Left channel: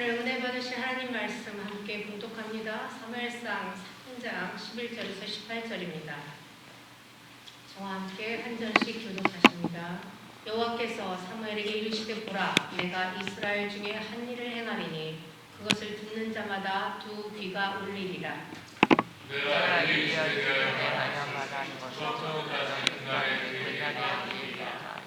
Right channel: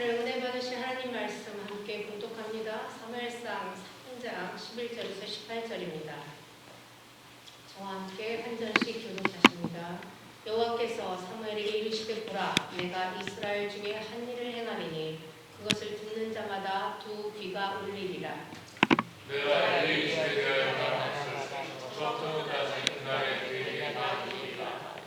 오늘 은혜 받으신 하나님 말씀 함께 봉독합니다. 사무엘상 3장 11절에서 18절입니다. 저와 함께 한 절씩 교독하십니다. 여호와께서 사무엘에게 이르시되 보라, 내가 이스라엘 중에 한 일을 행하리니 그것을 듣는 자마다 두 귀가 울리리라. 내가 엘리 집에 대하여 말하였으니 저토록까지 그날에 그에게 말하리라.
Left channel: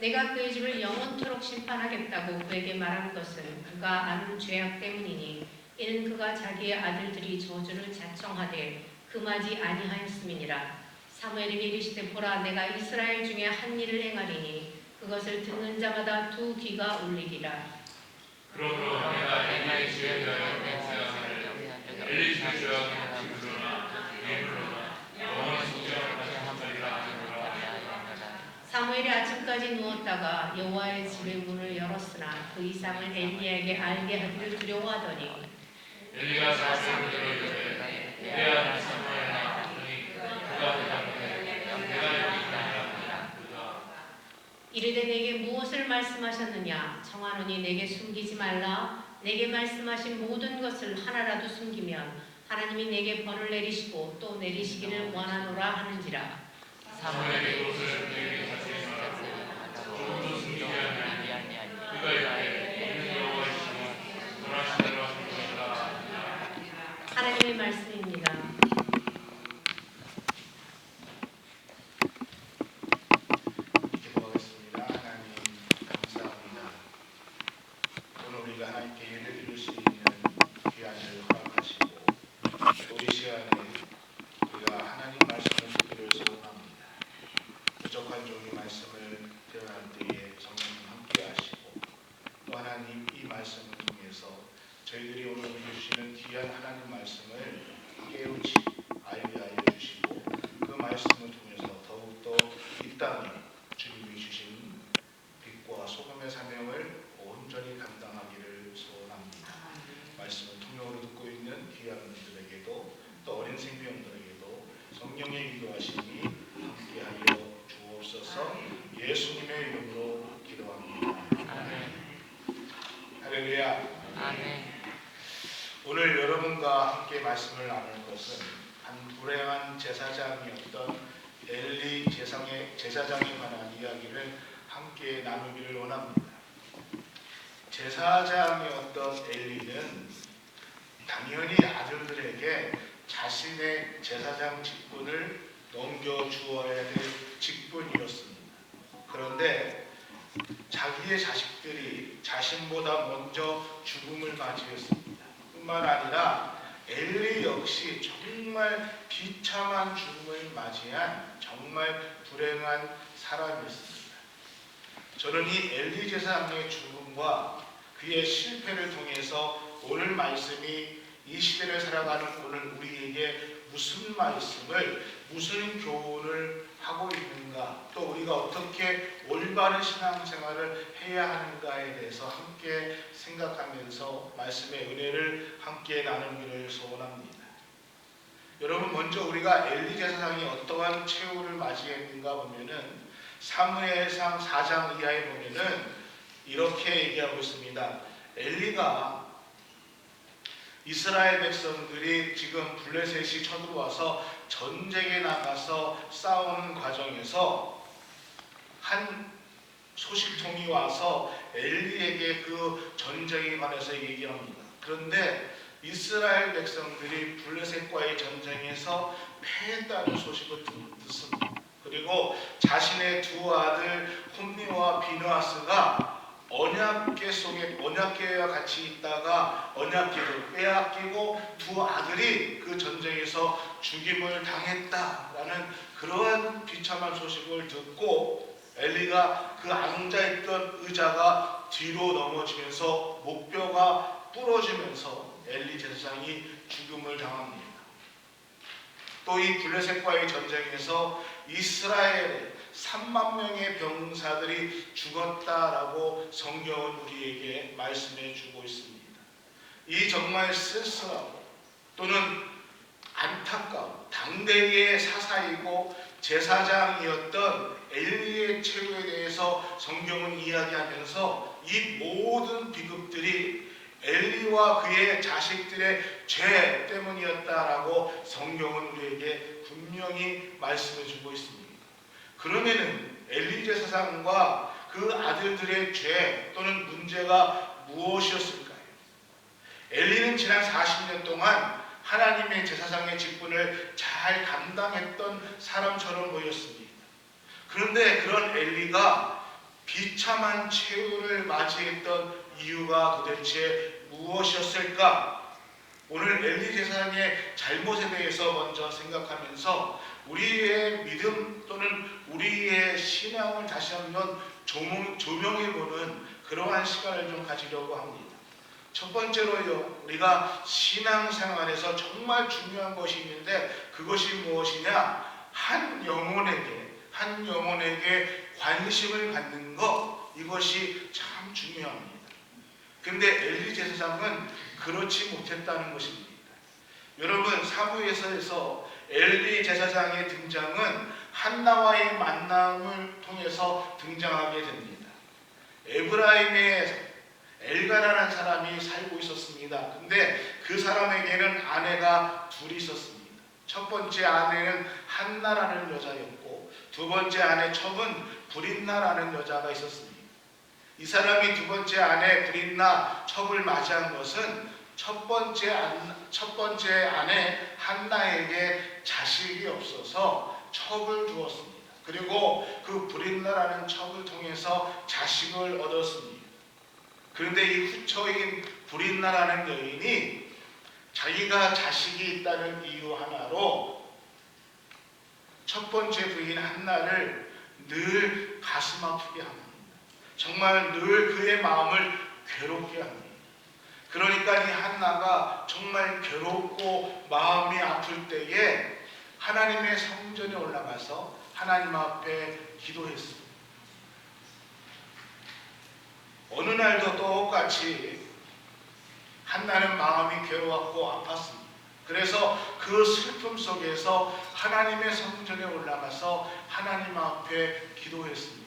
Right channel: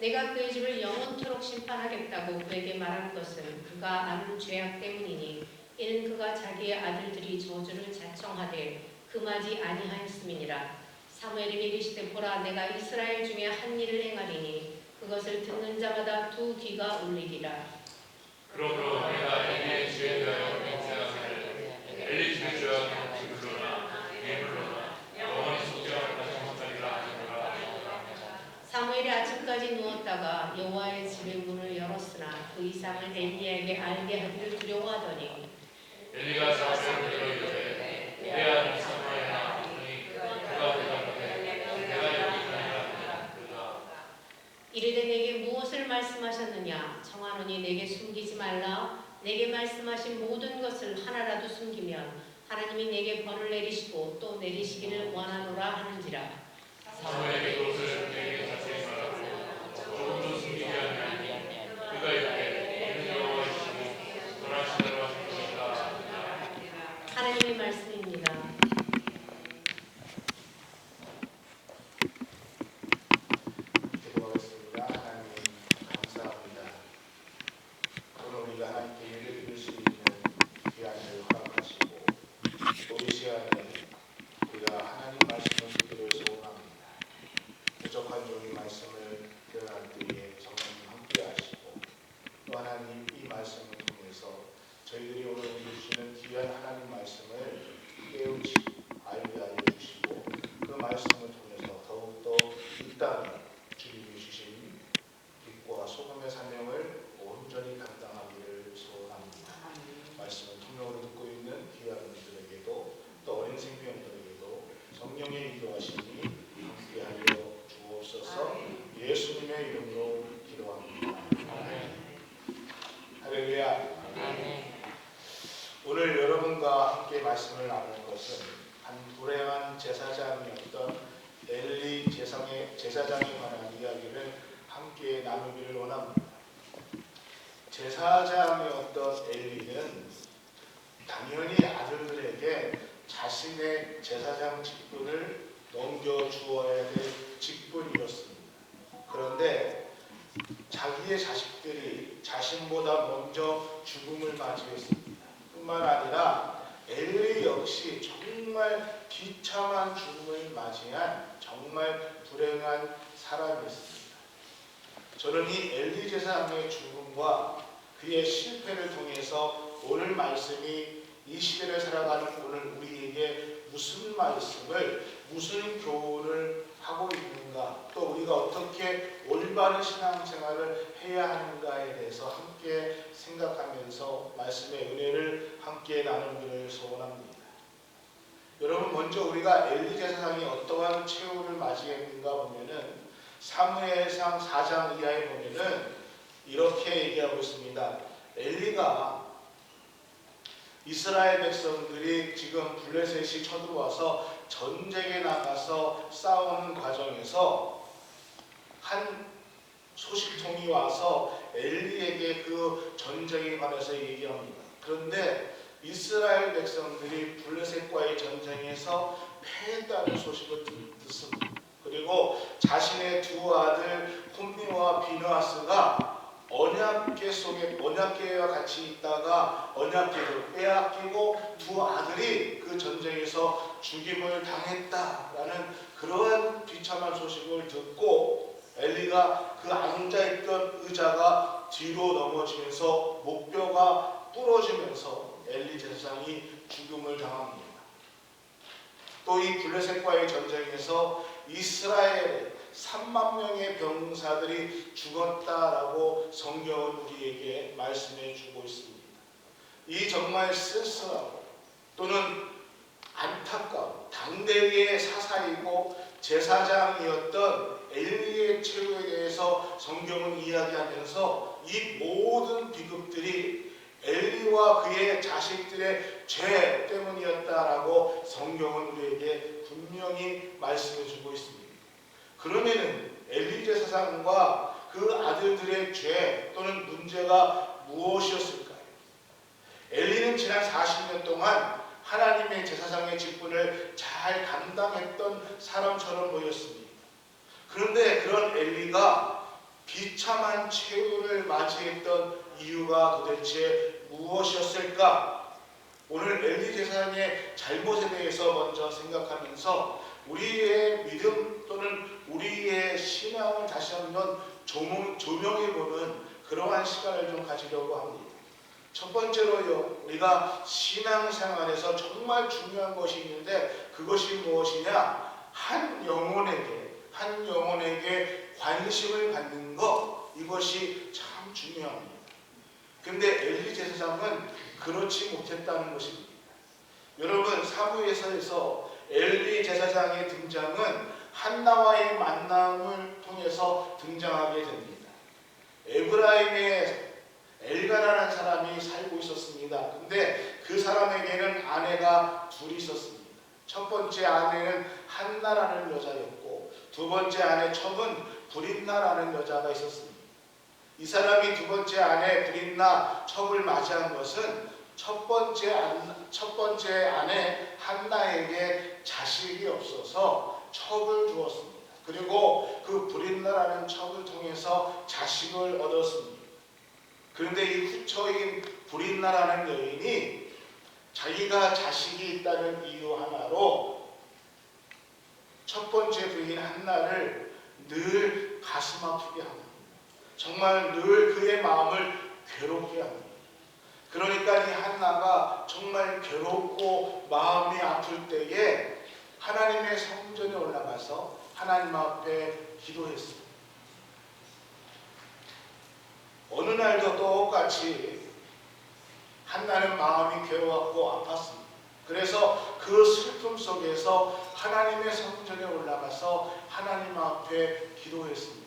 내가 그의 집을 영원토록 심판하겠다고 그에게 말한 것은 그가 아는 죄악 때문이니 이는 그가 자기의 아들들이 저주를 자청하되 금하지 아니하였음이니라. 사무엘에게 이르시되 보라, 내가 이스라엘 중에 한 일을 행하리니 그것을 듣는 자마다 두 귀가 울리리라. 그러므로 내가 엘리의 집에 대하여 맹세하기를 엘리 집의 죄악은 지물로나 예물로나 영원히 속죄함을 받지 못하리라 하노라. 사무엘이 아침까지 누웠다가 여호와의 집의 문을 열었으나 그 이상을 엘리야에게 알게 하기를 두려워하더니 엘리가 사무엘을 들어 이르되 내 아들 사무엘아 하니 그가 대답하되 내가 여기 있나이다. 이르되 내게 무엇을 말씀하셨느냐? 청하노니 내게 숨기지 말라. 내게 말씀하신 모든 것을 하나라도 숨기면 하나님이 내게 벌을 내리시고 또 내리시기를 원하노라 하는지라. 사무엘이 그것을 그에게 자세히 말하고 조금도 숨기지 아니하니 그가 이르되 이는 여호와이시니 전하신 대로 하실 것이라. 하나님의 말씀입니다. 기도하겠습니다. 하나님 감사합니다. 오늘 우리가 하나님께 예를 드릴 수 있는 귀한 을 허락하시고 또 이 시간에 우리가 하나님 말씀을 듣기를 소원합니다. 부족한 종이 말씀을 대언할 때에 성령님 함께 하시고 또 하나님 이 말씀을 통해서 저희들이 오늘 우리 주시는 귀한 하나님 말씀을 깨우치 알게 하여 주시고 그 말씀을 통해서 더욱더 이 땅에 주님이 주신 빛과 소금의 사명을 온전히 감당하기를 소원합니다. 말씀을 통역으로 듣고 있는 귀한 분들에게도 또 어린 생명들에게도 성령의 인도하심이 함께하여 주옵소서. 예수님의 이름으로 기도합니다. 할렐루야. 오늘 여러분과 함께 말씀을 나눌 것은 한 불행한 제사장이었던 엘리 제사장에 관한 이야기를 함께 나누기를 원합니다. 제사장이었던 엘리는 당연히 아들들에게 자신의 제사장 직분을 넘겨주어야 될 직분이었습니다. 그런데 자기의 자식들이 자신보다 먼저 죽음을 맞이했습니다. 뿐만 아니라 엘리 역시 정말 비참한 죽음을 맞이한 정말 불행한 사람이었습니다. 저는 이 엘리 제사장의 죽음과 그의 실패를 통해서 오늘 말씀이 이 시대를 살아가는 오늘 우리에게 무슨 말씀을, 무슨 교훈을 하고 있는가, 또 우리가 어떻게 올바른 신앙생활을 해야 하는가에 대해서 함께 생각하면서 말씀의 은혜를 함께 나누기를 소원합니다. 여러분, 먼저 우리가 엘리 제사장이 어떠한 최후를 맞이했는가 보면은 사무엘상 4장 이하에 보면은 이렇게 얘기하고 있습니다. 엘리가 이스라엘 백성들이 지금 블레셋이 쳐들어와서 전쟁에 나가서 싸우는 과정에서 한 소식통이 와서 엘리에게 그 전쟁에 관해서 얘기합니다. 그런데 이스라엘 백성들이 블레셋과의 전쟁에서 패했다는 소식을 듣습니다. 그리고 자신의 두 아들 홈니와 비느하스가 언약궤와 같이 있다가 언약궤를 빼앗기고 두 아들이 그 전쟁에서 죽임을 당했다라는 그러한 비참한 소식을 듣고 엘리가 그 앉아있던 의자가 뒤로 넘어지면서 목뼈가 부러지면서 엘리 제사장이 죽음을 당합니다. 또 이 블레셋과의 전쟁에서 이스라엘의 3만 명의 병사들이 죽었다라고 성경은 우리에게 말씀해 주고 있습니다. 이 정말 쓸쓸하고 또는 안타까운 당대의 사사이고 제사장이었던 엘리의 최후에 대해서 성경은 이야기하면서 이 모든 비극들이 엘리와 그의 자식들의 죄 때문이었다라고 성경은 우리에게 분명히 말씀해 주고 있습니다. 그러면은 엘리 제사장과 그 아들들의 죄 또는 문제가 무엇이었을까요? 엘리는 지난 40년 동안 하나님의 제사장의 직분을 잘 감당했던 사람처럼 보였습니다. 그런데 그런 엘리가 비참한 최후를 맞이했던 이유가 도대체 무엇이었을까? 오늘 엘리 제사장의 잘못에 대해서 먼저 생각하면서 우리의 믿음 또는 우리의 신앙을 다시 한번 조명해보는 그러한 시간을 좀 가지려고 합니다. 첫 번째로요, 우리가 신앙생활에서 정말 중요한 것이 있는데 그것이 무엇이냐? 한 영혼에게 관심을 갖는 것, 이것이 참 중요합니다. 근데 엘리 제사장은 그렇지 못했다는 것입니다. 여러분, 사무엘서에서 엘리 제사장의 등장은 한나와의 만남을 통해서 등장하게 됩니다. 에브라임의 엘가라는 사람이 살고 있었습니다. 근데 그 사람에게는 아내가 둘이 있었습니다. 첫 번째 아내는 한나라는 여자였고 두 번째 아내 첩은 브릿나라는 여자가 있었습니다. 이 사람이 두 번째 아내 브릿나 첩을 맞이한 것은 첫 번째 아내 한나에게 자식이 없어서 첩을 두었습니다. 그리고 그 브릿나라는 첩을 통해서 자식을 얻었습니다. 그런데 이 후처인 브릿나라는 여인이 자기가 자식이 있다는 이유 하나로 첫 번째 부인 한나를 늘 가슴 아프게 합니다. 정말 늘 그의 마음을 괴롭게 합니다. 그러니까 이 한나가 정말 괴롭고 마음이 아플 때에 하나님의 성전에 올라가서 하나님 앞에 기도했습니다. 어느 날도 똑같이 한나는 마음이 괴로웠고 아팠습니다. 그래서 그 슬픔 속에서 하나님의 성전에 올라가서 하나님 앞에 기도했습니다.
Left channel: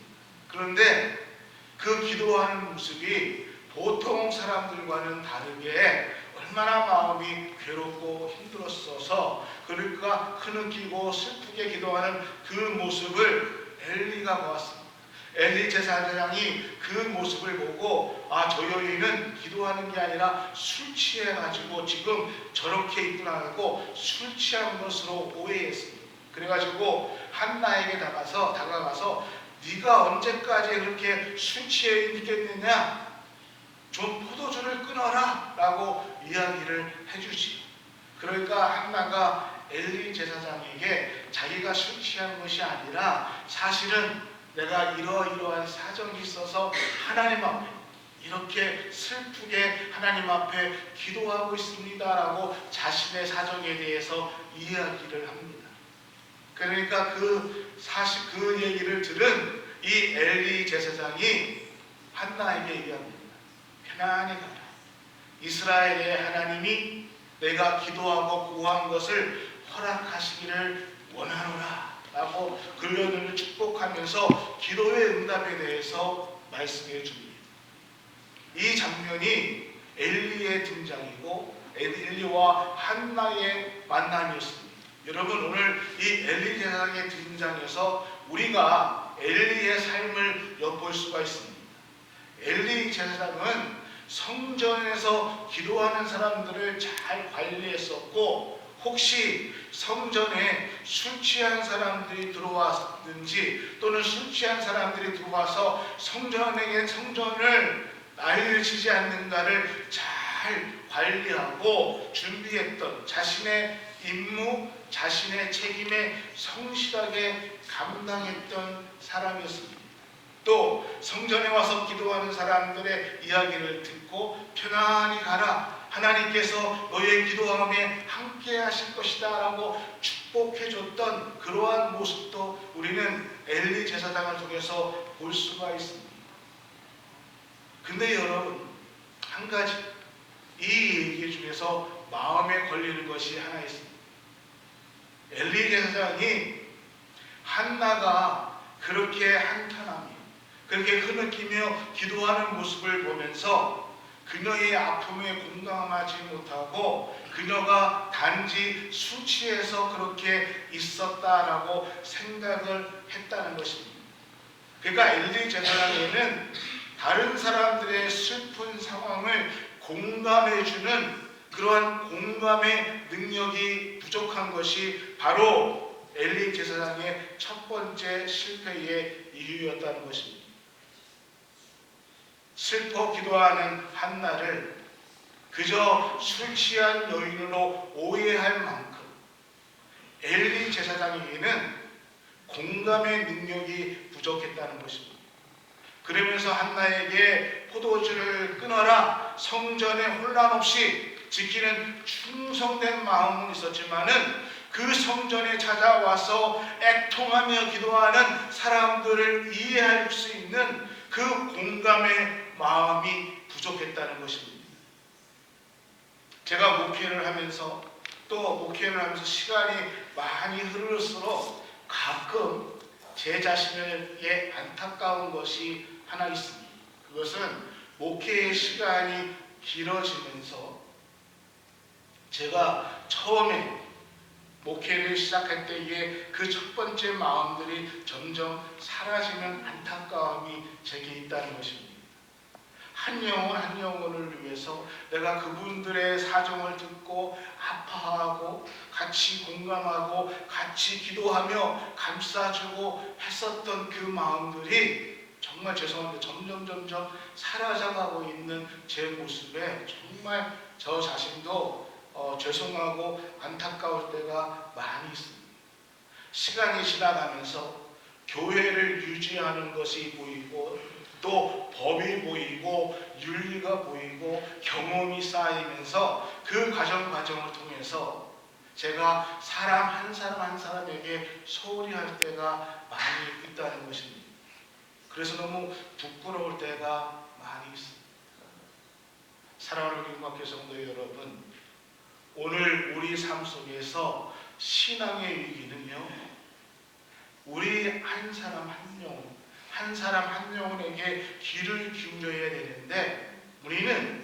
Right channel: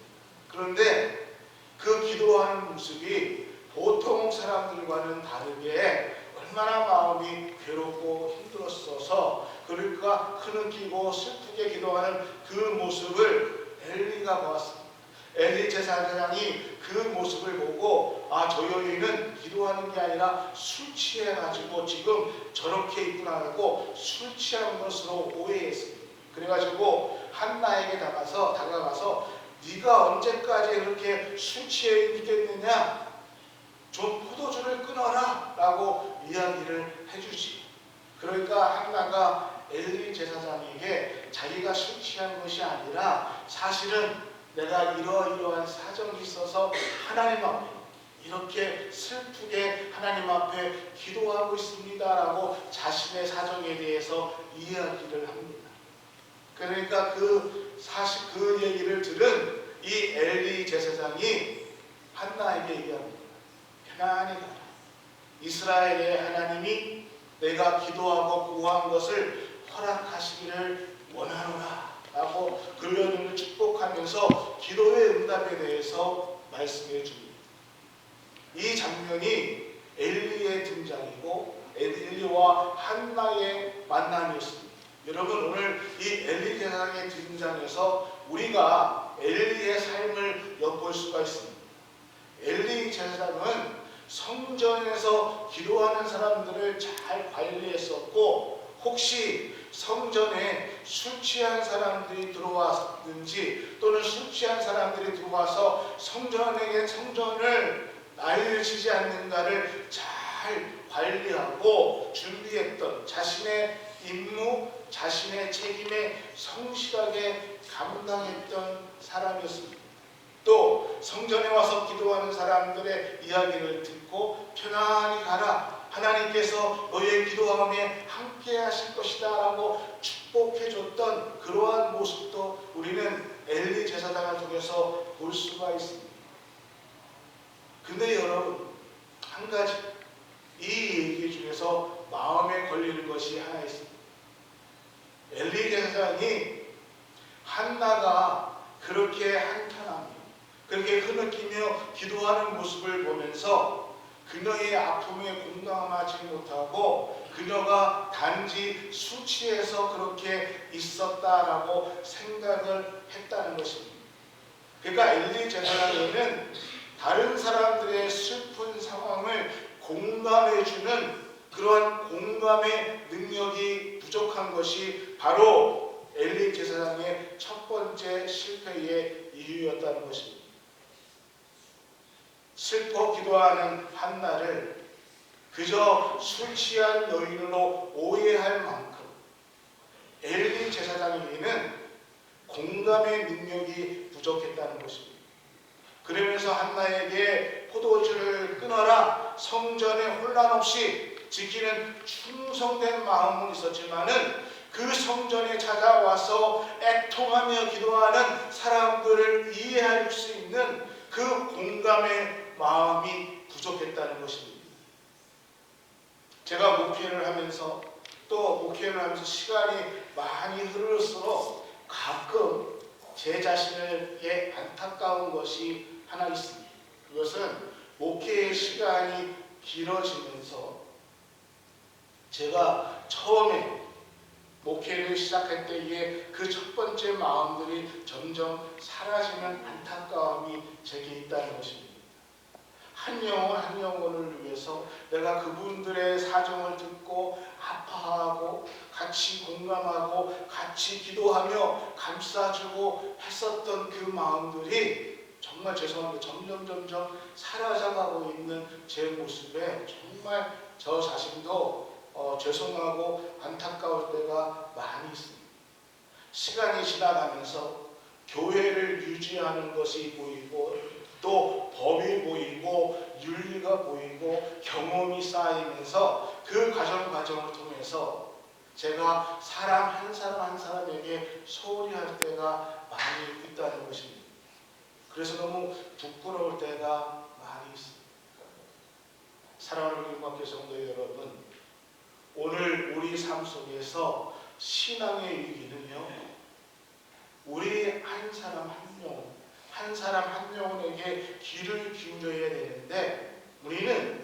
그런데 그 기도하는 모습이 보통 사람들과는 다르게 얼마나 마음이 괴롭고 힘들었어서 그러니까 흐느끼고 슬프게 기도하는 그 모습을 엘리가 보았습니다. 엘리 제사장이 그 모습을 보고 저 여인은 기도하는 게 아니라 술 취해가지고 지금 저렇게 있구나 하고 술 취한 것으로 오해했습니다. 그래가지고 한나에게 다가가서 네가 언제까지 그렇게 술 취해 있겠느냐? 좀 포도주를 끊어라 라고 이야기를 해주지. 그러니까 한나가 엘리 제사장에게 자기가 술 취한 것이 아니라 사실은 내가 이러이러한 사정이 있어서 하나님 앞에 이렇게 슬프게 하나님 앞에 기도하고 있습니다 라고 자신의 사정에 대해서 이야기를 합니다. 그러니까 그 얘기를 들은 이 엘리 제사장이 한나에게 얘기합니다. 편안히 가라. 이스라엘의 하나님이 내가 기도하고 구한 것을 허락하시기를 원하노라 라고 그녀를 축복하면서 기도의 응답에 대해서 말씀해 줍니다. 이 장면이 엘리의 등장이고 엘리와 한나의 만남이었습니다. 여러분, 오늘 이 엘리 제사장의 등장에서 우리가 엘리의 삶을 엿볼 수가 있습니다. 엘리 제사장은 성전에서 기도하는 사람들을 잘 관리했었고 혹시 성전에 술 취한 사람들이 들어왔든지 또는 술 취한 사람들이 들어와서 성전을 난리치지 않는가를 잘 관리하고 준비했던 자신의 임무, 자신의 책임에 성실하게 감당했던 사람이었습니다. 또 성전에 와서 기도하는 사람들의 이야기를 듣고 편안히 가라. 하나님께서 너의 기도함에 함께 하실 것이다 라고 축복해줬던 그러한 모습도 우리는 엘리 제사장을 통해서 볼 수가 있습니다. 근데 여러분, 한 가지 이 얘기 중에서 마음에 걸리는 것이 하나 있습니다. 엘리 제사장이 한나가 그렇게 한탄하며 그렇게 흐느끼며 기도하는 모습을 보면서 그녀의 아픔에 공감하지 못하고 그녀가 단지 술 취해서 그렇게 있었다라고 생각을 했다는 것입니다. 그러니까 엘리 제사장에는 다른 사람들의 슬픈 상황을 공감해주는 그러한 공감의 능력이 부족한 것이 바로 엘리 제사장의 첫 번째 실패의 이유였다는 것입니다. 슬퍼 기도하는 한나를 그저 술 취한 여인으로 오해할 만큼 엘리 제사장에게는 공감의 능력이 부족했다는 것입니다. 그러면서 한나에게 포도주를 끊어라, 성전에 혼란 없이 지키는 충성된 마음은 있었지만은 그 성전에 찾아와서 애통하며 기도하는 사람들을 이해할 수 있는 그 공감의 마음이 부족했다는 것입니다. 제가 목회를 하면서 시간이 많이 흐를수록 가끔 제 자신에게 안타까운 것이 하나 있습니다. 그것은 목회의 시간이 길어지면서 제가 처음에 목회를 시작할 때에 그 첫 번째 마음들이 점점 사라지는 안타까움이 제게 있다는 것입니다. 한 영혼을 위해서 내가 그분들의 사정을 듣고 아파하고 같이 공감하고 같이 기도하며 감싸주고 했었던 그 마음들이 정말 죄송한데 점점 사라져가고 있는 제 모습에 정말 저 자신도 죄송하고 안타까울 때가 많이 있습니다. 시간이 지나가면서 교회를 유지하는 것이 보이고 또 법이 보이고 윤리가 보이고 경험이 쌓이면서 그 과정을 통해서 제가 사람 한 사람에게 소홀히 할 때가 많이 있다는 것입니다. 그래서 너무 부끄러울 때가 많이 있습니다. 사랑하는 우리 음악교 성도 여러분, 오늘 우리 삶 속에서 신앙의 위기는요, 우리 한 사람 한 영혼에게 귀를 기울여야 되는데 우리는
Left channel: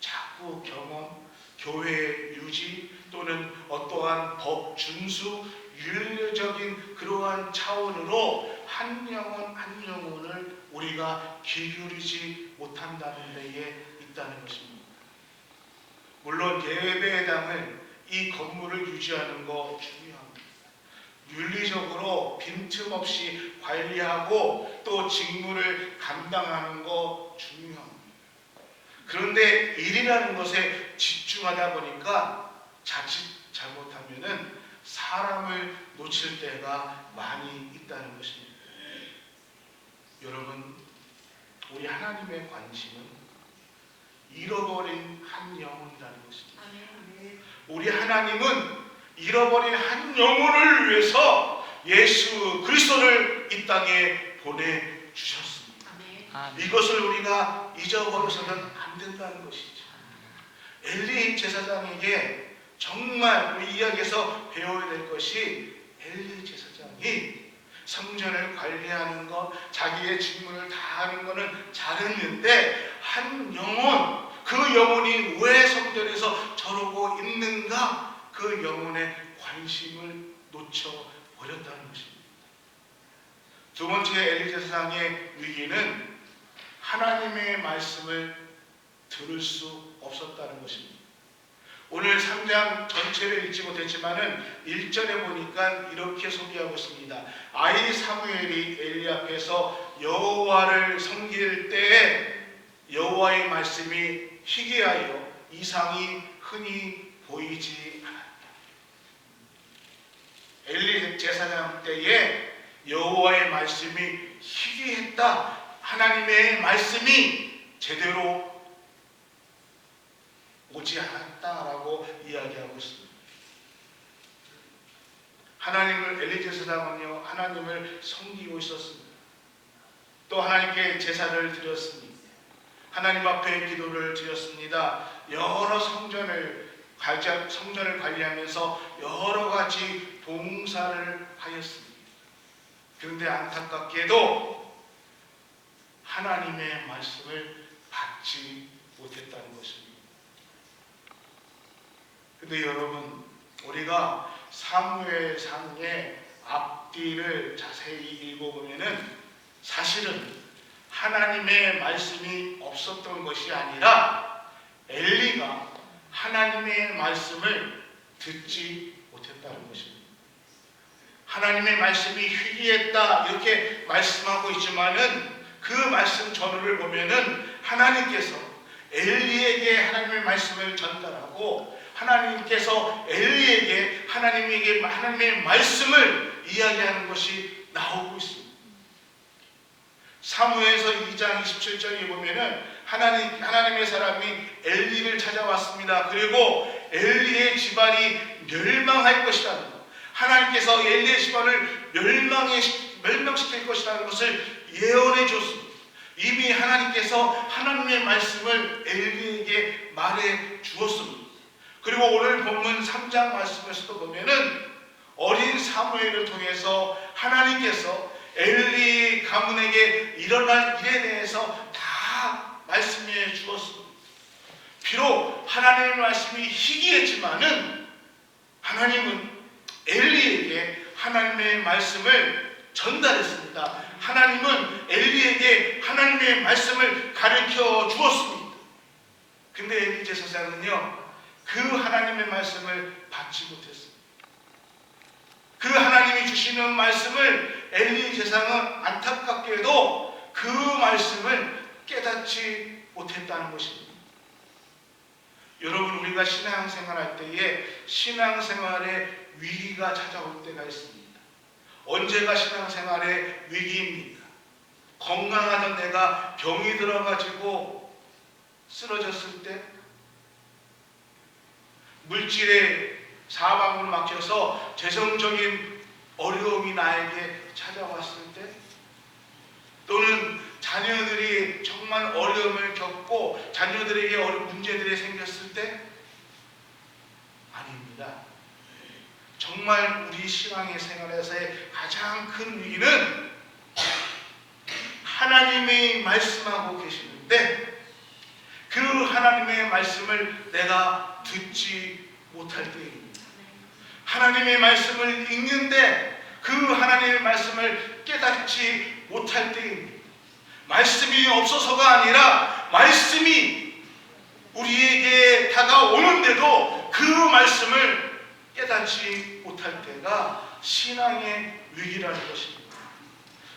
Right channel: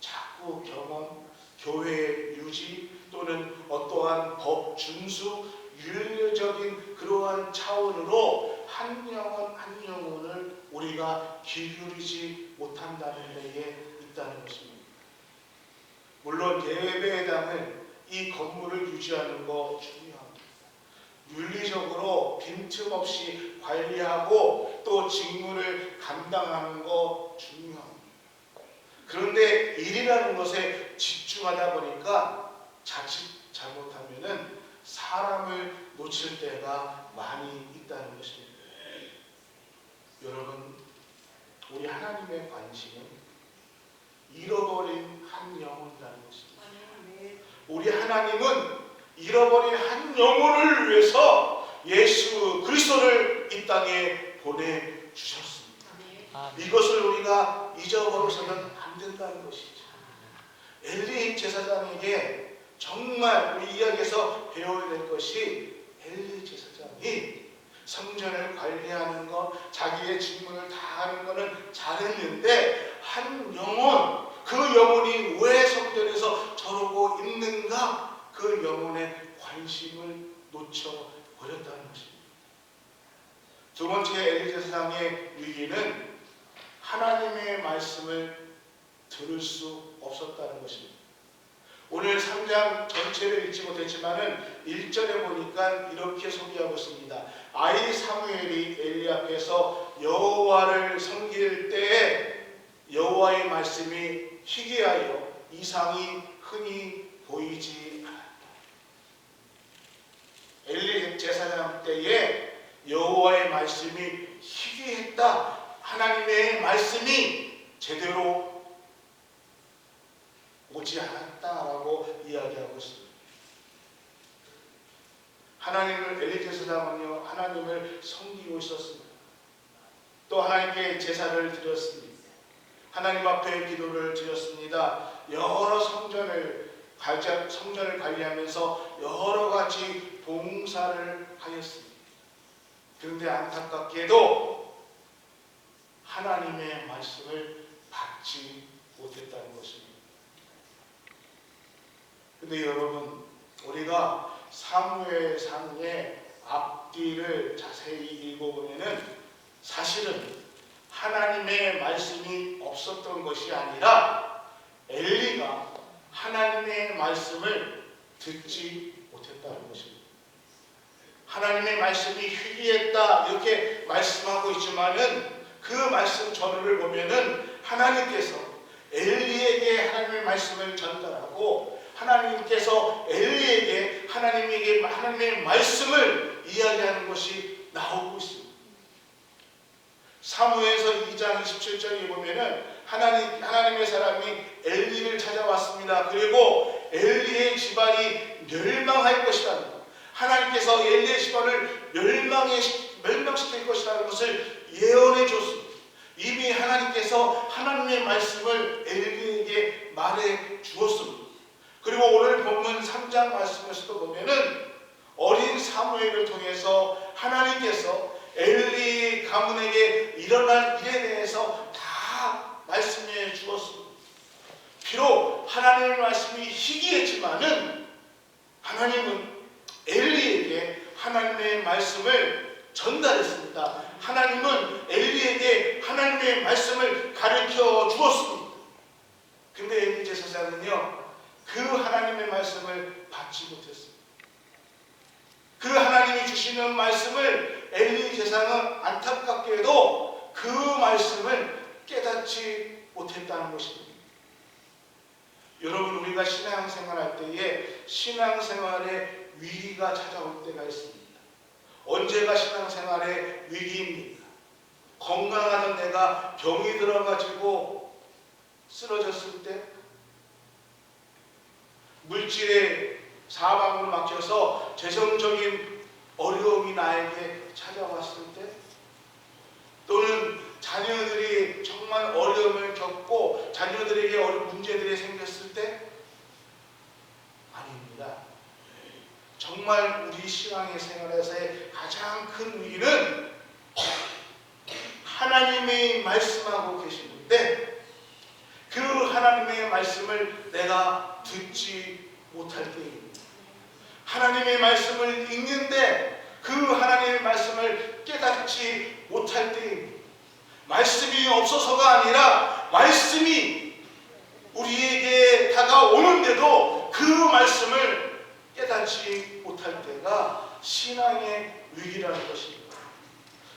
자꾸 경험, 교회 유지 또는 어떠한 법 준수, 윤리적인 그러한 차원으로 한 영혼을 우리가 기울이지 못한다는 데에 있다는 것입니다. 물론 예배당을 이 건물을 유지하는 거 중요합니다. 윤리적으로 빈틈없이 관리하고 또 직무를 감당하는 거 중요합니다. 그런데 일이라는 것에 집중하다 보니까 자칫 잘못하면은 사람을 놓칠 때가 많이 있다는 것입니다. 여러분, 우리 하나님의 관심은 잃어버린 한 영혼이라는 것입니다. 우리 하나님은 잃어버린 한 영혼을 위해서 예수 그리스도를 이 땅에 보내주셨습니다. 이것을 우리가 잊어버려서는 안 된다는 것이죠. 엘리 제사장에게 정말 우리 이야기에서 배워야 될 것이 엘리 제사장이 성전을 관리하는 것, 자기의 직무를 다하는 것은 잘했는데 한 영혼, 그 영혼이 왜 성전에서 저러고 있는가? 그 영혼의 관심을 놓쳐버렸다는 것입니다. 두 번째 엘리 제사장의 위기는 하나님의 말씀을 들을 수 없었다는 것입니다. 오늘 3장 전체를 읽지 못했지만은 1절에 보니까 이렇게 소개하고 있습니다. 아이 사무엘이 엘리 앞에서 여호와를 섬길 때에 여호와의 말씀이 희귀하여 이상이 흔히 보이지 않았다. 엘리 제사장 때에 여호와의 말씀이 희귀했다. 하나님의 말씀이 제대로 오지 않았다라고 이야기하고 있습니다. 엘리 제사장은요, 하나님을 섬기고 있었습니다. 또 하나님께 제사를 드렸습니다. 하나님 앞에 기도를 드렸습니다. 여러 성전을 관리하면서 여러 가지 봉사를 하였습니다. 그런데 안타깝게도 하나님의 말씀을 받지 못했다는 근데 여러분, 우리가 사무엘상의 앞뒤를 자세히 읽어보면은 사실은 하나님의 말씀이 없었던 것이 아니라 엘리가 하나님의 말씀을 듣지 못했다는 것입니다. 하나님의 말씀이 희귀했다 이렇게 말씀하고 있지만은 그 말씀 전후를 보면은 하나님께서 엘리에게 하나님의 말씀을 전달하고 하나님께서 엘리에게 하나님의 말씀을 이야기하는 것이 나오고 있습니다. 사무엘서 2장 27절에 보면은 하나님의 사람이 엘리를 찾아왔습니다. 그리고 엘리의 집안이 멸망할 것이라는 것, 하나님께서 엘리의 집안을 멸망시킬 것이라는 것을 예언해 줬습니다. 이미 하나님께서 하나님의 말씀을 엘리에게 말해 주었습니다. 그리고 오늘 본문 3장 말씀에서도 보면은 어린 사무엘을 통해서 하나님께서 엘리 가문에게 일어날 일에 대해서 다 말씀해 주었습니다. 비록 하나님의 말씀이 희귀했지만은 하나님은 엘리에게 하나님의 말씀을 전달했습니다. 하나님은 엘리에게 하나님의 말씀을 가르쳐 주었습니다. 근데 엘리 제사장은요, 그 하나님의 말씀을 받지 못했습니다. 그 하나님이 주시는 말씀을 엘리 제사장은 안타깝게도 그 말씀을 깨닫지 못했다는 것입니다. 여러분, 우리가 신앙생활할 때에 신앙생활에 위기가 찾아올 때가 있습니다. 언제가 신앙생활의 위기입니까? 건강하던 내가 병이 들어가지고 쓰러졌을 때, 물질의 사방으로 막혀서 재정적인 어려움이 나에게 찾아왔을 때, 또는 자녀들이 정말 어려움을 겪고 자녀들에게 문제들이 생겼을 때, 아닙니다. 정말 우리 신앙의 생활에서의 가장 큰 위기는 하나님이 말씀하고 계시는데 그 하나님의 말씀을 내가 듣지 못할 때입니다. 하나님의 말씀을 읽는데 그 하나님의 말씀을 깨닫지 못할 때입니다. 말씀이 없어서가 아니라 말씀이 우리에게 다가오는데도 그 말씀을 깨닫지 못할 때가 신앙의 위기라는 것입니다.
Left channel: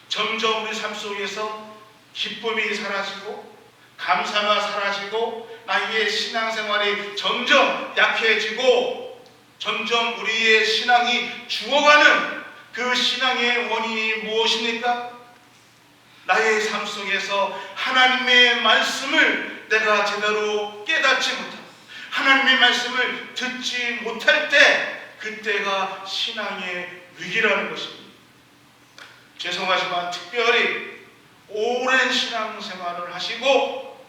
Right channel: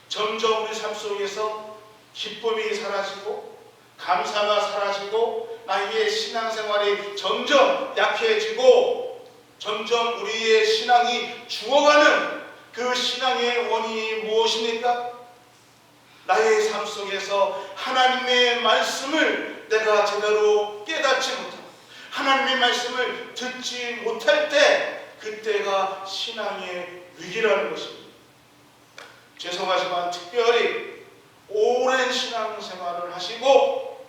점점 우리 삶 속에서 기쁨이 사라지고 감사가 사라지고 나의 신앙생활이 점점 약해지고 점점 우리의 신앙이 죽어가는 그 신앙의 원인이 무엇입니까? 나의 삶 속에서 하나님의 말씀을 내가 제대로 깨닫지 못하고 하나님의 말씀을 듣지 못할 때 그때가 신앙의 위기라는 것입니다. 죄송하지만 특별히 오랜 신앙생활을 하시고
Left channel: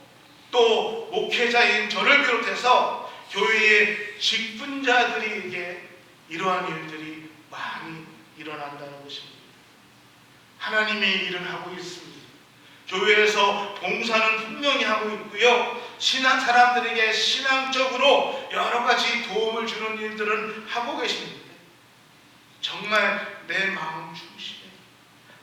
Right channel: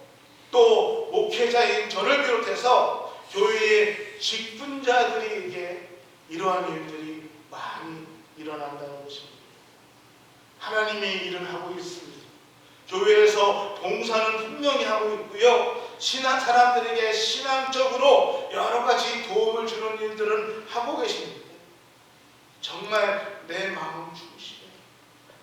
또 목회자인 저를 비롯해서 교회의 직분자들에게 이러한 일들이 많이 일어난다는 것입니다. 하나님의 일은 하고 있습니다. 교회에서 봉사는 분명히 하고 있고요. 사람들에게 신앙적으로 여러 가지 도움을 주는 일들은 하고 계십니다. 정말 내 마음 중심에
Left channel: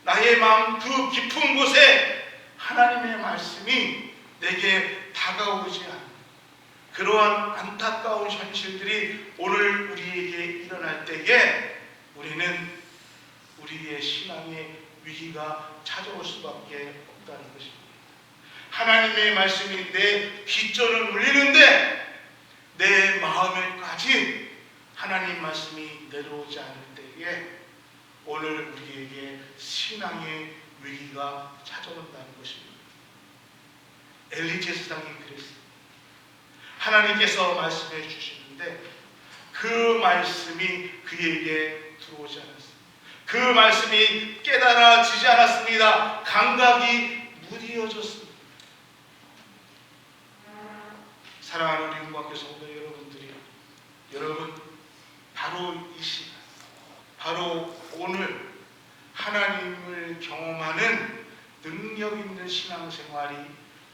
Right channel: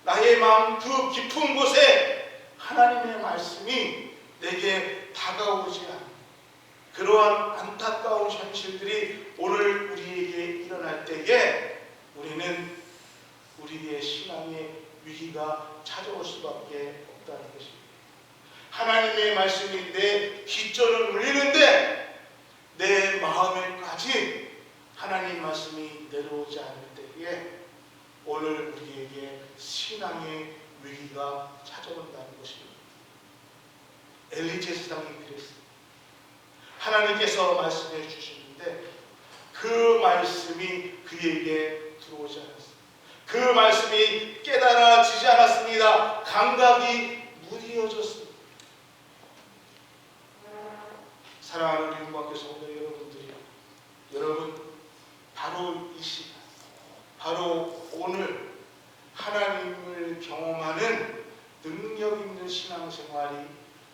나의 마음 그 깊은 곳에 하나님의 말씀이 내게 다가오지 않는 그러한 안타까운 현실들이 오늘 우리에게 일어날 때에 우리는 우리의 신앙의 위기가 찾아올 수밖에 없다는 것입니다. 하나님의 말씀이 내 귓전을 울리는데 내 마음에까지 하나님 말씀이 내려오지 않을 때에 오늘 우리에게 신앙의 위기가 찾아온다는 것입니다. 엘리 제사장이 그랬습니다. 하나님께서 말씀해 주시는데 그 말씀이 그에게 들어오지 않았습니다. 그 말씀이 깨달아지지 않았습니다. 감각이 무디어졌습니다. 사랑하는 우리 음악교 성도 여러분들이 여러분 바로 이 시간 바로 오늘 하나님을 경험하는 능력 있는 신앙생활이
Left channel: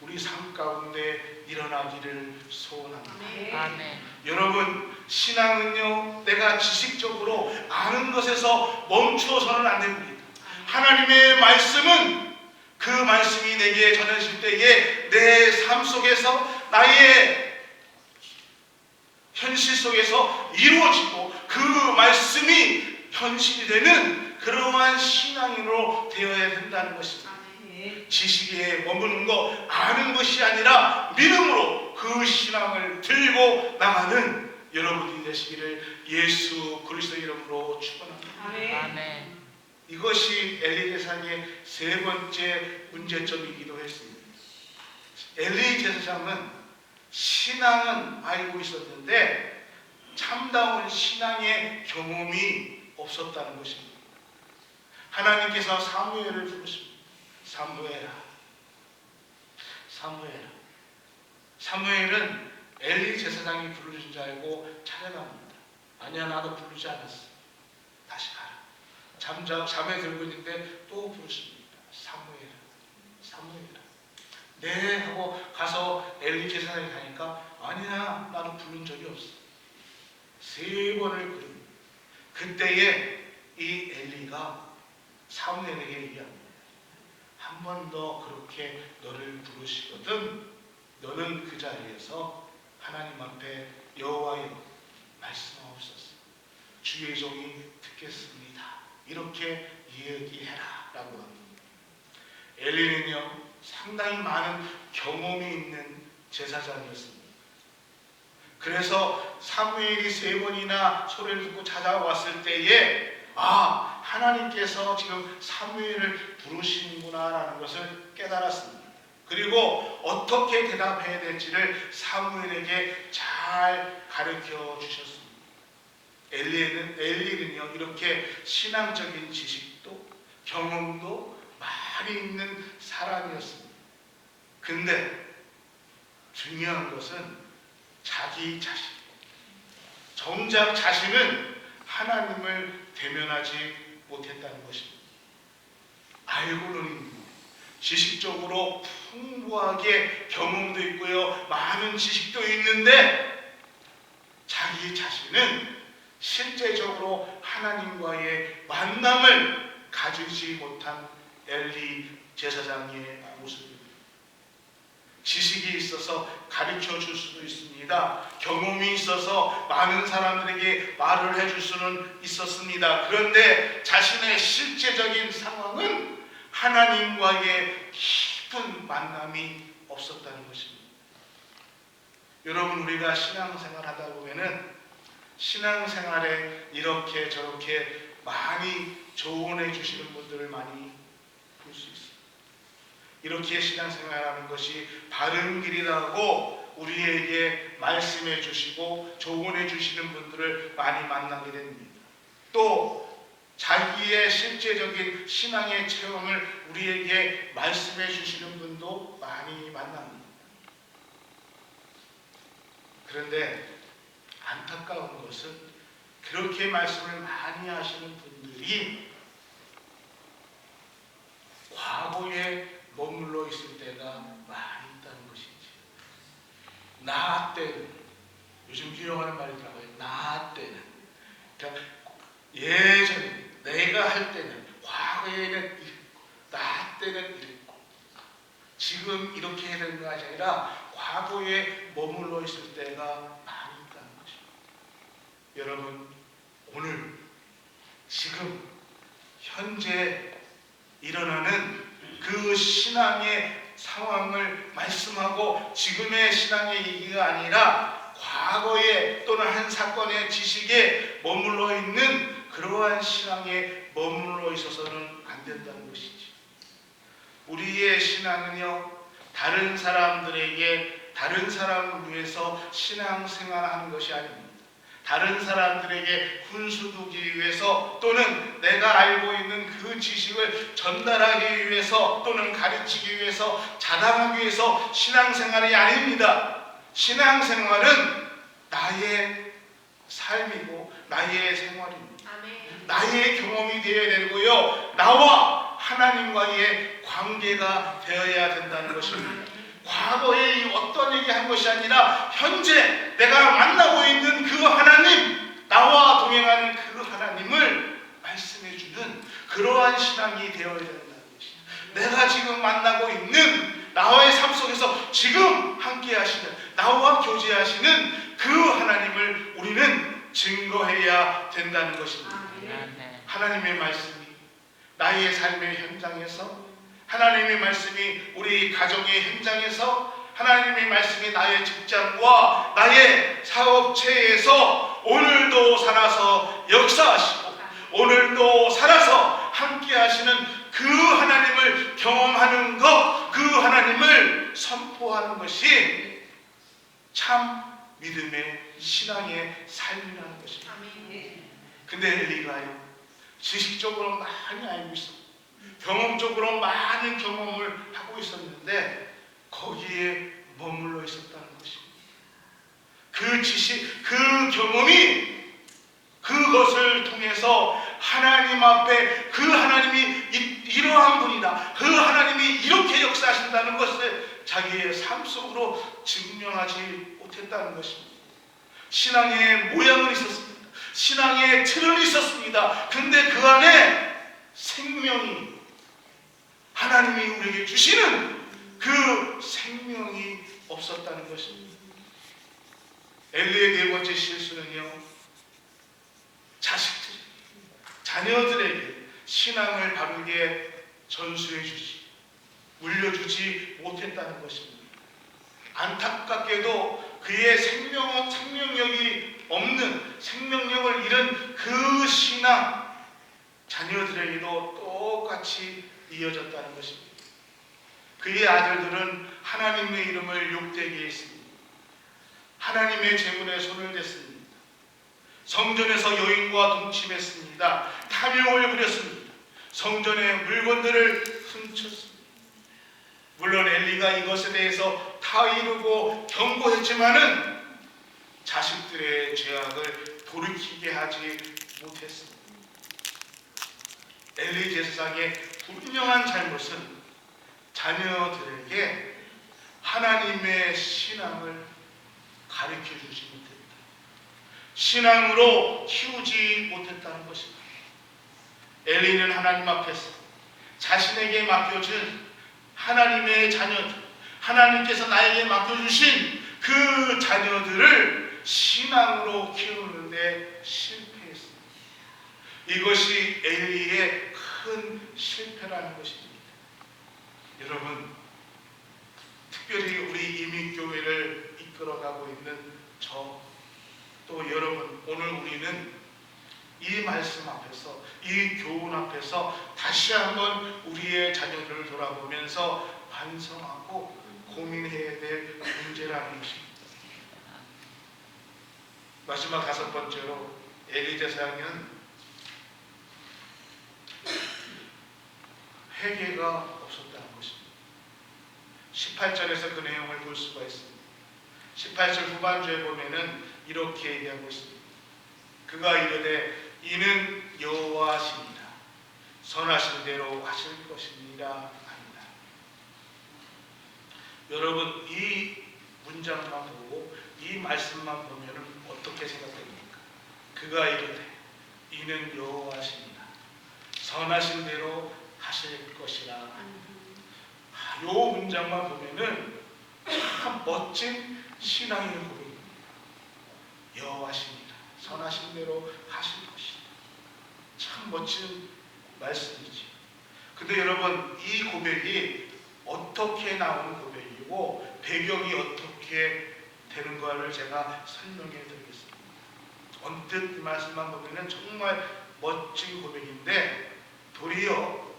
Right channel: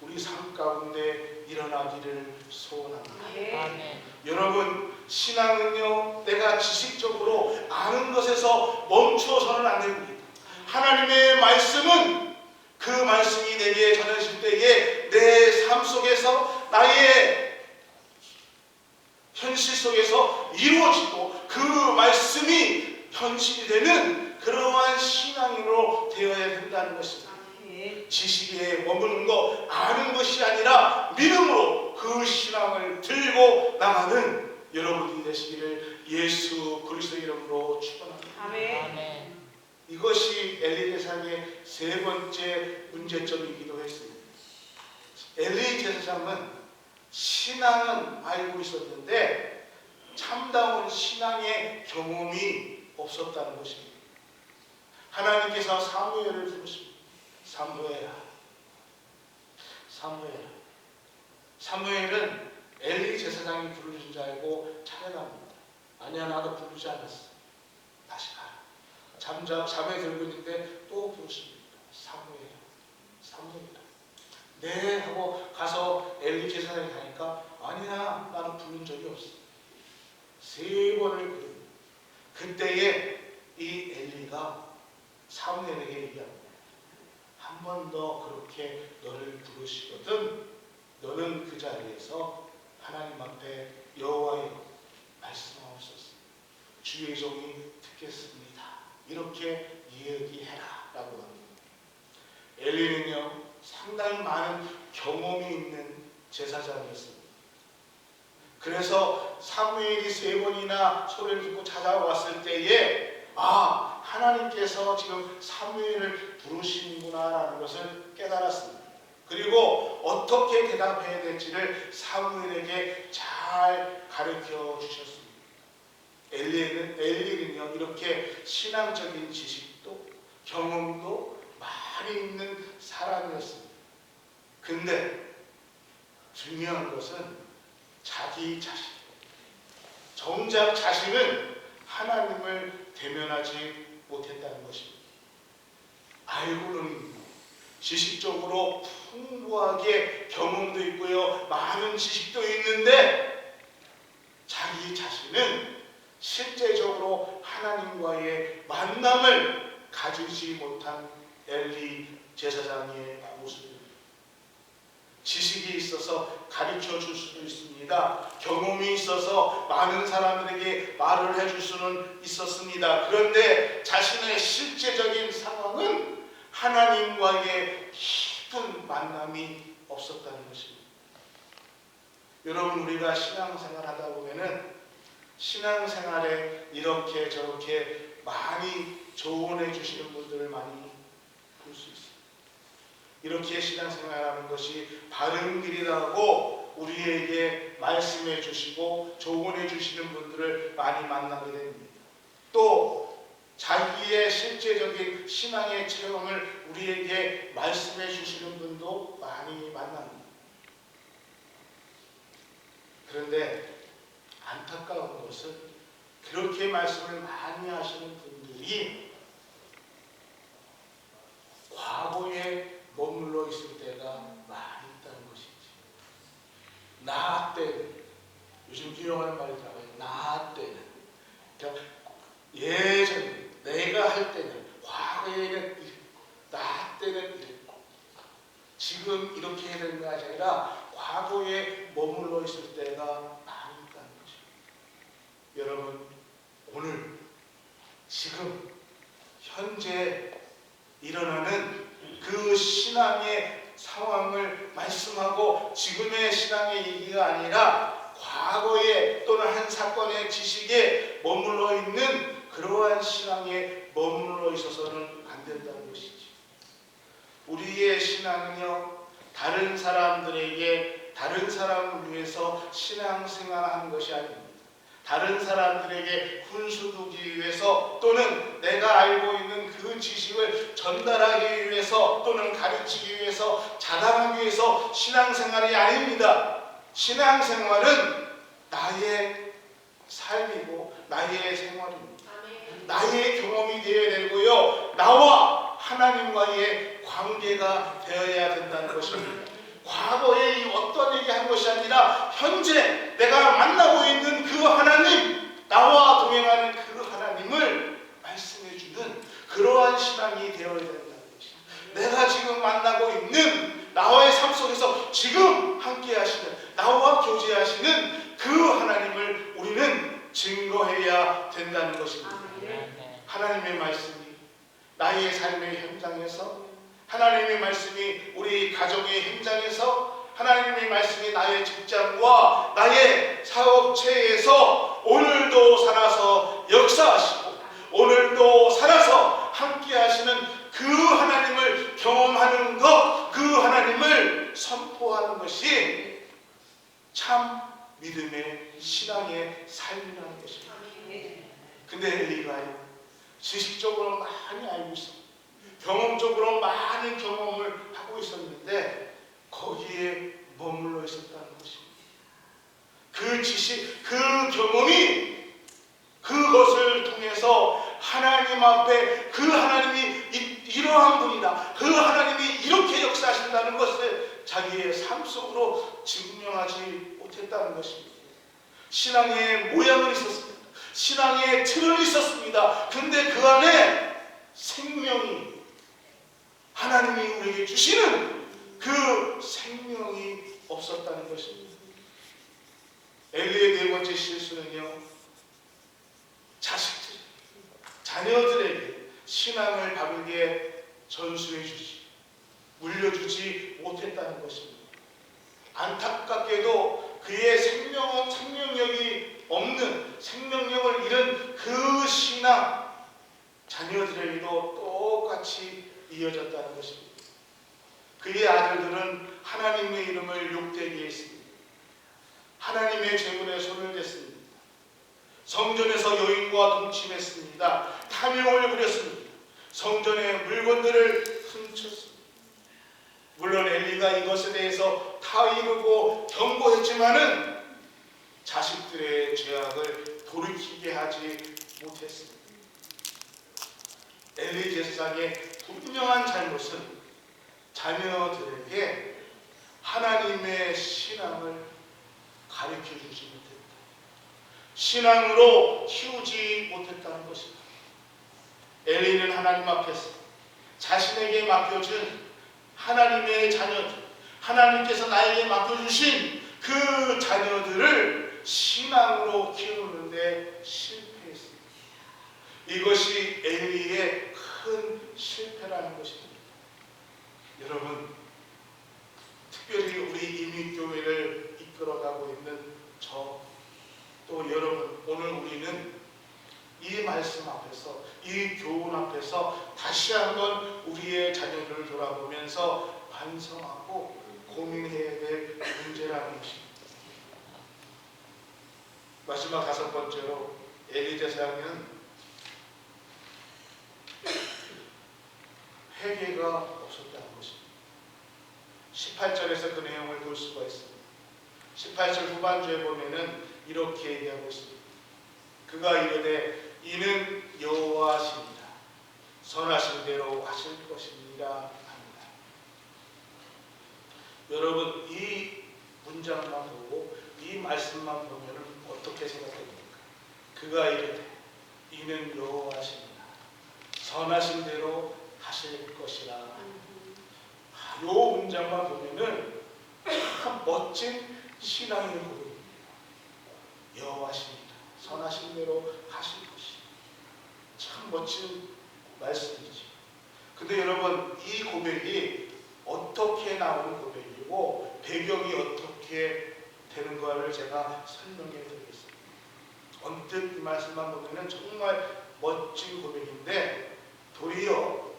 우리 삶 가운데 일어나는 일어나기를 소원합니다. 아멘. 여러분, 신앙은요, 내가 지식적으로 아는 것에서 멈추어서는 안 됩니다. 하나님의 말씀은 그 말씀이 내게 전해질 때에 내 삶 속에서, 나의 현실 속에서 이루어지고 그 말씀이 현실이 되는 그러한 신앙으로 되어야 된다는 것입니다. 지식에 머무는 거, 아는 것이 아니라 믿음으로 그 신앙을 들고 나가는 여러분이 되시기를 예수 그리스도의 이름으로 축원합니다. 아멘. 이것이 엘리 제사장의 세 번째 문제점이기도 했습니다. 엘리 제사장은 신앙은 알고 있었는데 참다운 신앙의 경험이 없었다는 것입니다. 하나님께서 사무엘을 부르십니다. 사무엘아, 사무엘아. 사무엘은 엘리 제사장이 부르신 줄 알고 찾아갑니다. 아니야, 나도 부르지 않았어. 다시 가라. 잠에 들고 있는데 또 부르십니다. 사무엘아, 사무엘아. 네 하고 가서 엘리 제사장이 가니까 아니야, 나는 부른 적이 없어. 세 번을 부릅니다. 그때에 이 엘리가 사무엘에게 얘기합니다. 한 번 더 그렇게 너를 부르시거든 너는 그 자리에서 하나님 앞에 여호와여 말씀하옵소서. 주의 종이 듣겠습니다. 이렇게 얘기해라 라고 합니다. 엘리는요, 상당히 많은 경험이 있는 제사장이었습니다. 그래서 사무엘이 세 번이나 소리를 듣고 찾아왔을 때에 하나님께서 지금 사무엘을 부르시는구나 라는 것을 깨달았습니다. 그리고 어떻게 대답해야 될지를 사무엘에게 잘 가르쳐 주셨습니다. 엘리는요, 이렇게 신앙적인 지식도 경험도 많이 있는 사람이었습니다. 근데 중요한 것은 자기 자신, 정작 자신은 하나님을 대면하지 못했다는 것입니다. 알고는 지식적으로 풍부하게 경험도 있고요, 많은 지식도 있는데 자기 자신은 실제적으로 하나님과의 만남을 가지지 못한 엘리 제사장의 모습입니다. 지식이 있어서 가르쳐 줄 수도 있습니다. 경험이 있어서 많은 사람들에게 말을 해줄 수는 있었습니다. 그런데 자신의 실제적인 상황은 하나님과의 깊은 만남이 없었다는 것입니다. 여러분, 우리가 신앙생활 하다 보면은 신앙생활에 이렇게 저렇게 많이 조언해 주시는 분들을 많이 볼 수 있습니다. 이렇게 신앙생활하는 것이 바른 길이라고 우리에게 말씀해 주시고 조언해 주시는 분들을 많이 만나게 됩니다. 또 자기의 실제적인 신앙의 체험을 우리에게 말씀해 주시는 분도 많이 만납니다. 그런데 안타까운 것은 그렇게 말씀을 많이 하시는 분들이 과거에 머물러 있을 때가 많이 있다는 것이지. 나 때는, 요즘 유용하는 말이더라고요. 나 때는, 그러니까 예전에 내가 할 때는, 과거에는 이랬고, 나 때는 이랬고, 지금 이렇게 해야 되는 것이 아니라 과거에 머물러 있을 때가 많이 있다는 것입니다. 여러분, 오늘 지금 현재 일어나는 그 신앙의 상황을 말씀하고 지금의 신앙의 얘기가 아니라 과거에 또는 한 사건의 지식에 머물러 있는 그러한 신앙에 머물러 있어서는 안 된다는 것이지. 우리의 신앙은요, 다른 사람들에게, 다른 사람을 위해서 신앙생활하는 것이 아닙니다. 다른 사람들에게 훈수 두기 위해서 또는 내가 알고 있는 그 지식을 전달하기 위해서 또는 가르치기 위해서 자랑하기 위해서 신앙생활이 아닙니다. 신앙생활은 나의 삶이고 나의 생활입니다. 나의 경험이 되어야 되고요, 나와 하나님과의 관계가 되어야 된다는 것입니다. 과거에 어떤 얘기 한 것이 것이 아니라 현재 내가 만나고 있는 그 하나님, 나와 동행하는 그 하나님을 말씀해주는 그러한 신앙이 되어야 된다는 것입니다. 내가 지금 만나고 있는 나와의 삶 속에서 지금 함께 하시는, 나와 교제하시는 그 하나님을 우리는 증거해야 된다는 것입니다. 하나님의 말씀이 나의 삶의 현장에서, 하나님의 말씀이 우리 가정의 현장에서, 하나님의 말씀이 나의 직장과 나의 사업체에서 오늘도 살아서 역사하시고 오늘도 살아서 함께 하시는 그 하나님을 경험하는 것, 그 하나님을 선포하는 것이 참 믿음의 신앙의 삶이라는 것입니다. 근데 엘리가요, 지식적으로 많이 알고 있었고 경험적으로 많은 경험을 하고 있었는데 거기에 머물러 있었다는 것입니다. 그 지식, 그 경험이, 그것을 통해서 하나님 앞에 그 하나님이 이러한 분이다, 그 하나님이 이렇게 역사하신다는 것을 자기의 삶 속으로 증명하지 못했다는 것입니다. 신앙의 모양은 있었습니다. 신앙의 틀은 있었습니다. 근데 그 안에 생명이, 하나님이 우리에게 주시는 그 생명이 없었다는 것입니다. 엘리의 네 번째 실수는요, 자식들, 자녀들에게 신앙을 바르게 전수해 주지, 물려주지 못했다는 것입니다. 안타깝게도 그의 생명력이 없는, 생명력을 잃은 그 신앙, 자녀들에게도 똑같이 이어졌다는 것입니다. 그의 아들들은 하나님의 이름을 욕되게 했습니다. 하나님의 재물에 손을 댔습니다. 성전에서 여인과 동침했습니다. 탐욕을 부렸습니다. 성전의 물건들을 훔쳤습니다. 물론 엘리가 이것에 대해서 타이르고 경고했지만은 자식들의 죄악을 돌이키게 하지 못했습니다. 엘리 제사장의 분명한 잘못은 자녀들에게 하나님의 신앙을 가르쳐주지 못했다, 신앙으로 키우지 못했다는 것입니다. 엘리는 하나님 앞에서 자신에게 맡겨준 하나님의 자녀들, 하나님께서 나에게 맡겨주신 그 자녀들을 신앙으로 키우는데 실패했습니다. 이것이 엘리의 큰 실패라는 것입니다. 여러분, 특별히 우리 이민교회를 이끌어가고 있는 저, 또 여러분, 오늘 우리는 이 말씀 앞에서, 이 교훈 앞에서 다시 한번 우리의 자녀들을 돌아보면서 반성하고 고민해야 될 문제라는 것입니다. 마지막 다섯 번째로, 엘리 제사장은 회개가 없었다는 것입니다. 18절에서 그 내용을 볼 수가 있습니다. 18절 후반주에 보면은 이렇게 얘기하고 있습니다. 그가 이르되 이는 여호와시니라, 선하신 대로 하실 것입니다 합니다. 여러분, 이 문장만 보고 이 말씀만 보면은 어떻게 생각됩니까? 그가 이르되 이는 여호와시니라, 선하신 대로 하실 것이라. 이 문장만 보면은 참 멋진 신앙의 고백입니다. 여호와시니라, 선하신 대로 하실 것이다. 참 멋진 말씀이지. 근데 여러분, 이 고백이 어떻게 나오는 고백이고 배경이 어떻게 되는가를 제가 설명해 드리겠습니다. 언뜻 이 말씀만 보면은 정말 멋진 고백인데, 도리어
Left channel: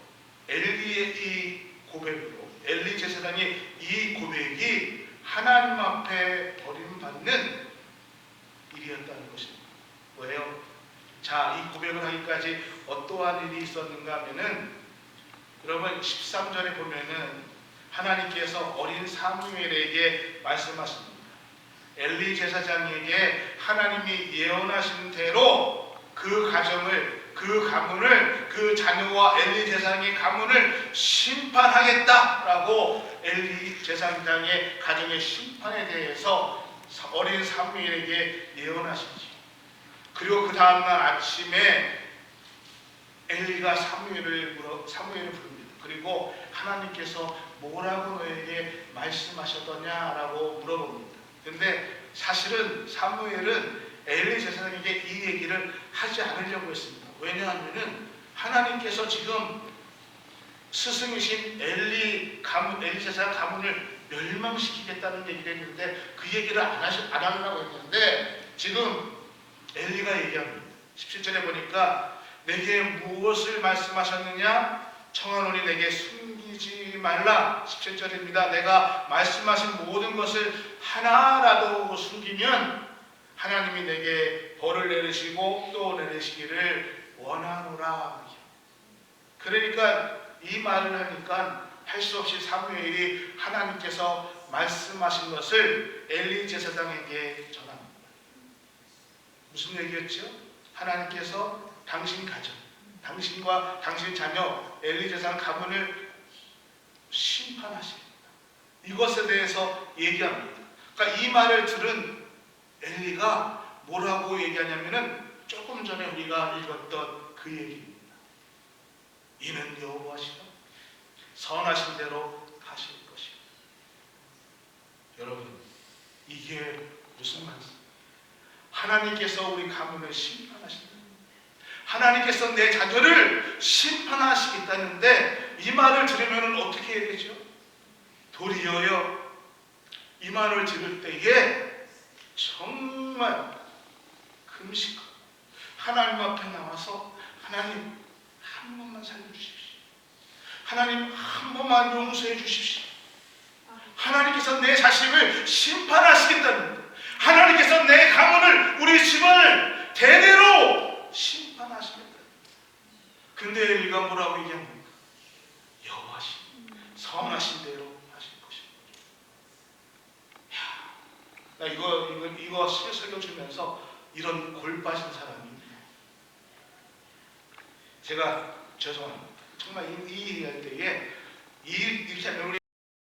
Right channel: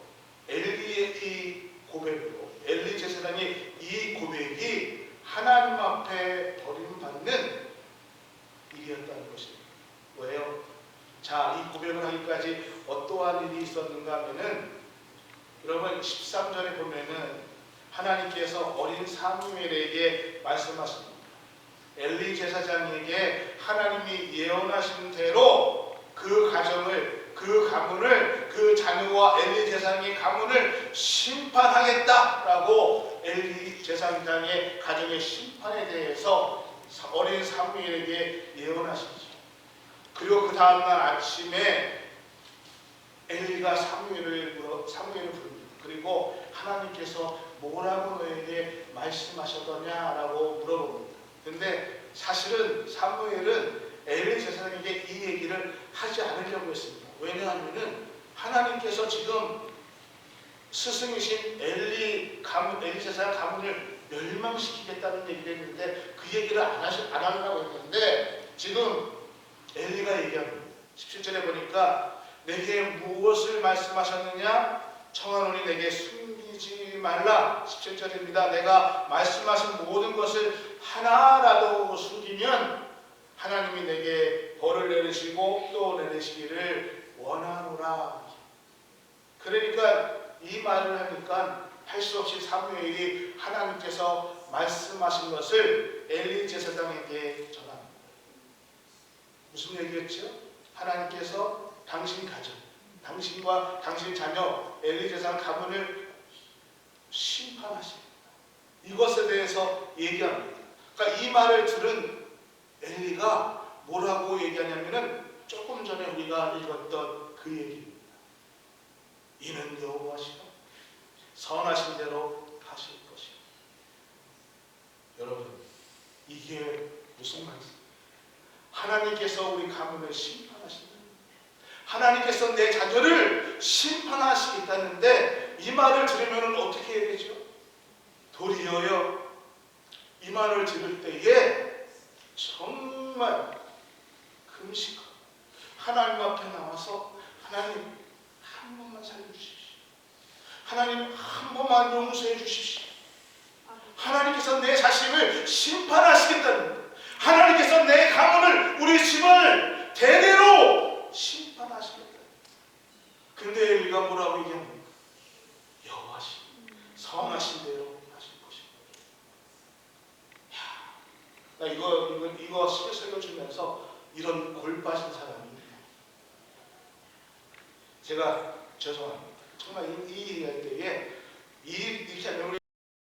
엘리의 이 고백으로, 엘리 제사장의 이 고백이 하나님 앞에 버림받는 일이었다는 것입니다. 왜요? 자, 이 고백을 하기까지 어떠한 일이 있었는가 하면은, 여러분 13절에 보면은 하나님께서 어린 사무엘에게 말씀하십니다. 엘리 제사장에게 하나님이 예언하신 대로 그 가정을, 그 그 가문을, 그 자녀와 엘리 제사장의 가문을 심판하겠다라고 엘리 제사장의 가정의 심판에 대해서 어린 사무엘에게 예언하시죠. 그리고 그 다음날 아침에 엘리가 사무엘을 부릅니다. 그리고 하나님께서 뭐라고 너에게 말씀하셨더냐라고 물어봅니다. 근데 사실은 사무엘은 엘리 제사장에게 이 얘기를 하지 않으려고 했습니다. 왜냐하면은 하나님께서 지금 스승이신 엘리 제사장 가문을 멸망시키겠다는 얘기를 했는데 그 얘기를 안 하려고 했는데 지금 엘리가 얘기합니다. 17절에 보니까 내게 무엇을 말씀하셨느냐? 청하노니 내게 숨기지 말라. 17절입니다. 내가 말씀하신 모든 것을 하나라도 숨기면 하나님이 내게 벌을 내리시고 또 내리시기를 원하노라. 그러니까 이 말을 하니까 할 수 없이 사무엘이 하나님께서 말씀하신 것을 엘리 제사장에게 전합니다. 무슨 얘기였죠? 하나님께서 당신 가정, 당신과 당신 자녀 엘리 제사장 가문을 심판하십니다. 이것에 대해서 얘기합니다. 그러니까 이 말을 들은 엘리가 뭐라고 얘기하냐면은 조금 전에 우리가 읽었던 그 얘기입니다. 이는 여호와시가 선하신 대로 하실 것이요. 여러분, 이게 무슨 말씀? 하나님께서 우리 가문을 심판하신다. 하나님께서 내 자녀를 심판하시겠다는데 이 말을 들으면 어떻게 해야 되죠? 도리어요, 이 말을 들을 때에 정말 금식하고 하나님 앞에 나와서 하나님 한 번만 살려주십시오. 하나님 한 번만 용서해 주십시오. 하나님께서 내 자식을 심판하시겠다는데 하나님께서 내 가문을, 우리 집안을 대대로 심판하시겠다. 근데 엘리가 뭐라고 얘기합니까? 여호와신 선하신 대로 하실 것입니다. 나 이거 설교 주면서 이런 골 빠진 사람이 있네요. 제가 죄송합니다. 정말 이 얘기할 때에 이렇게 하면 우리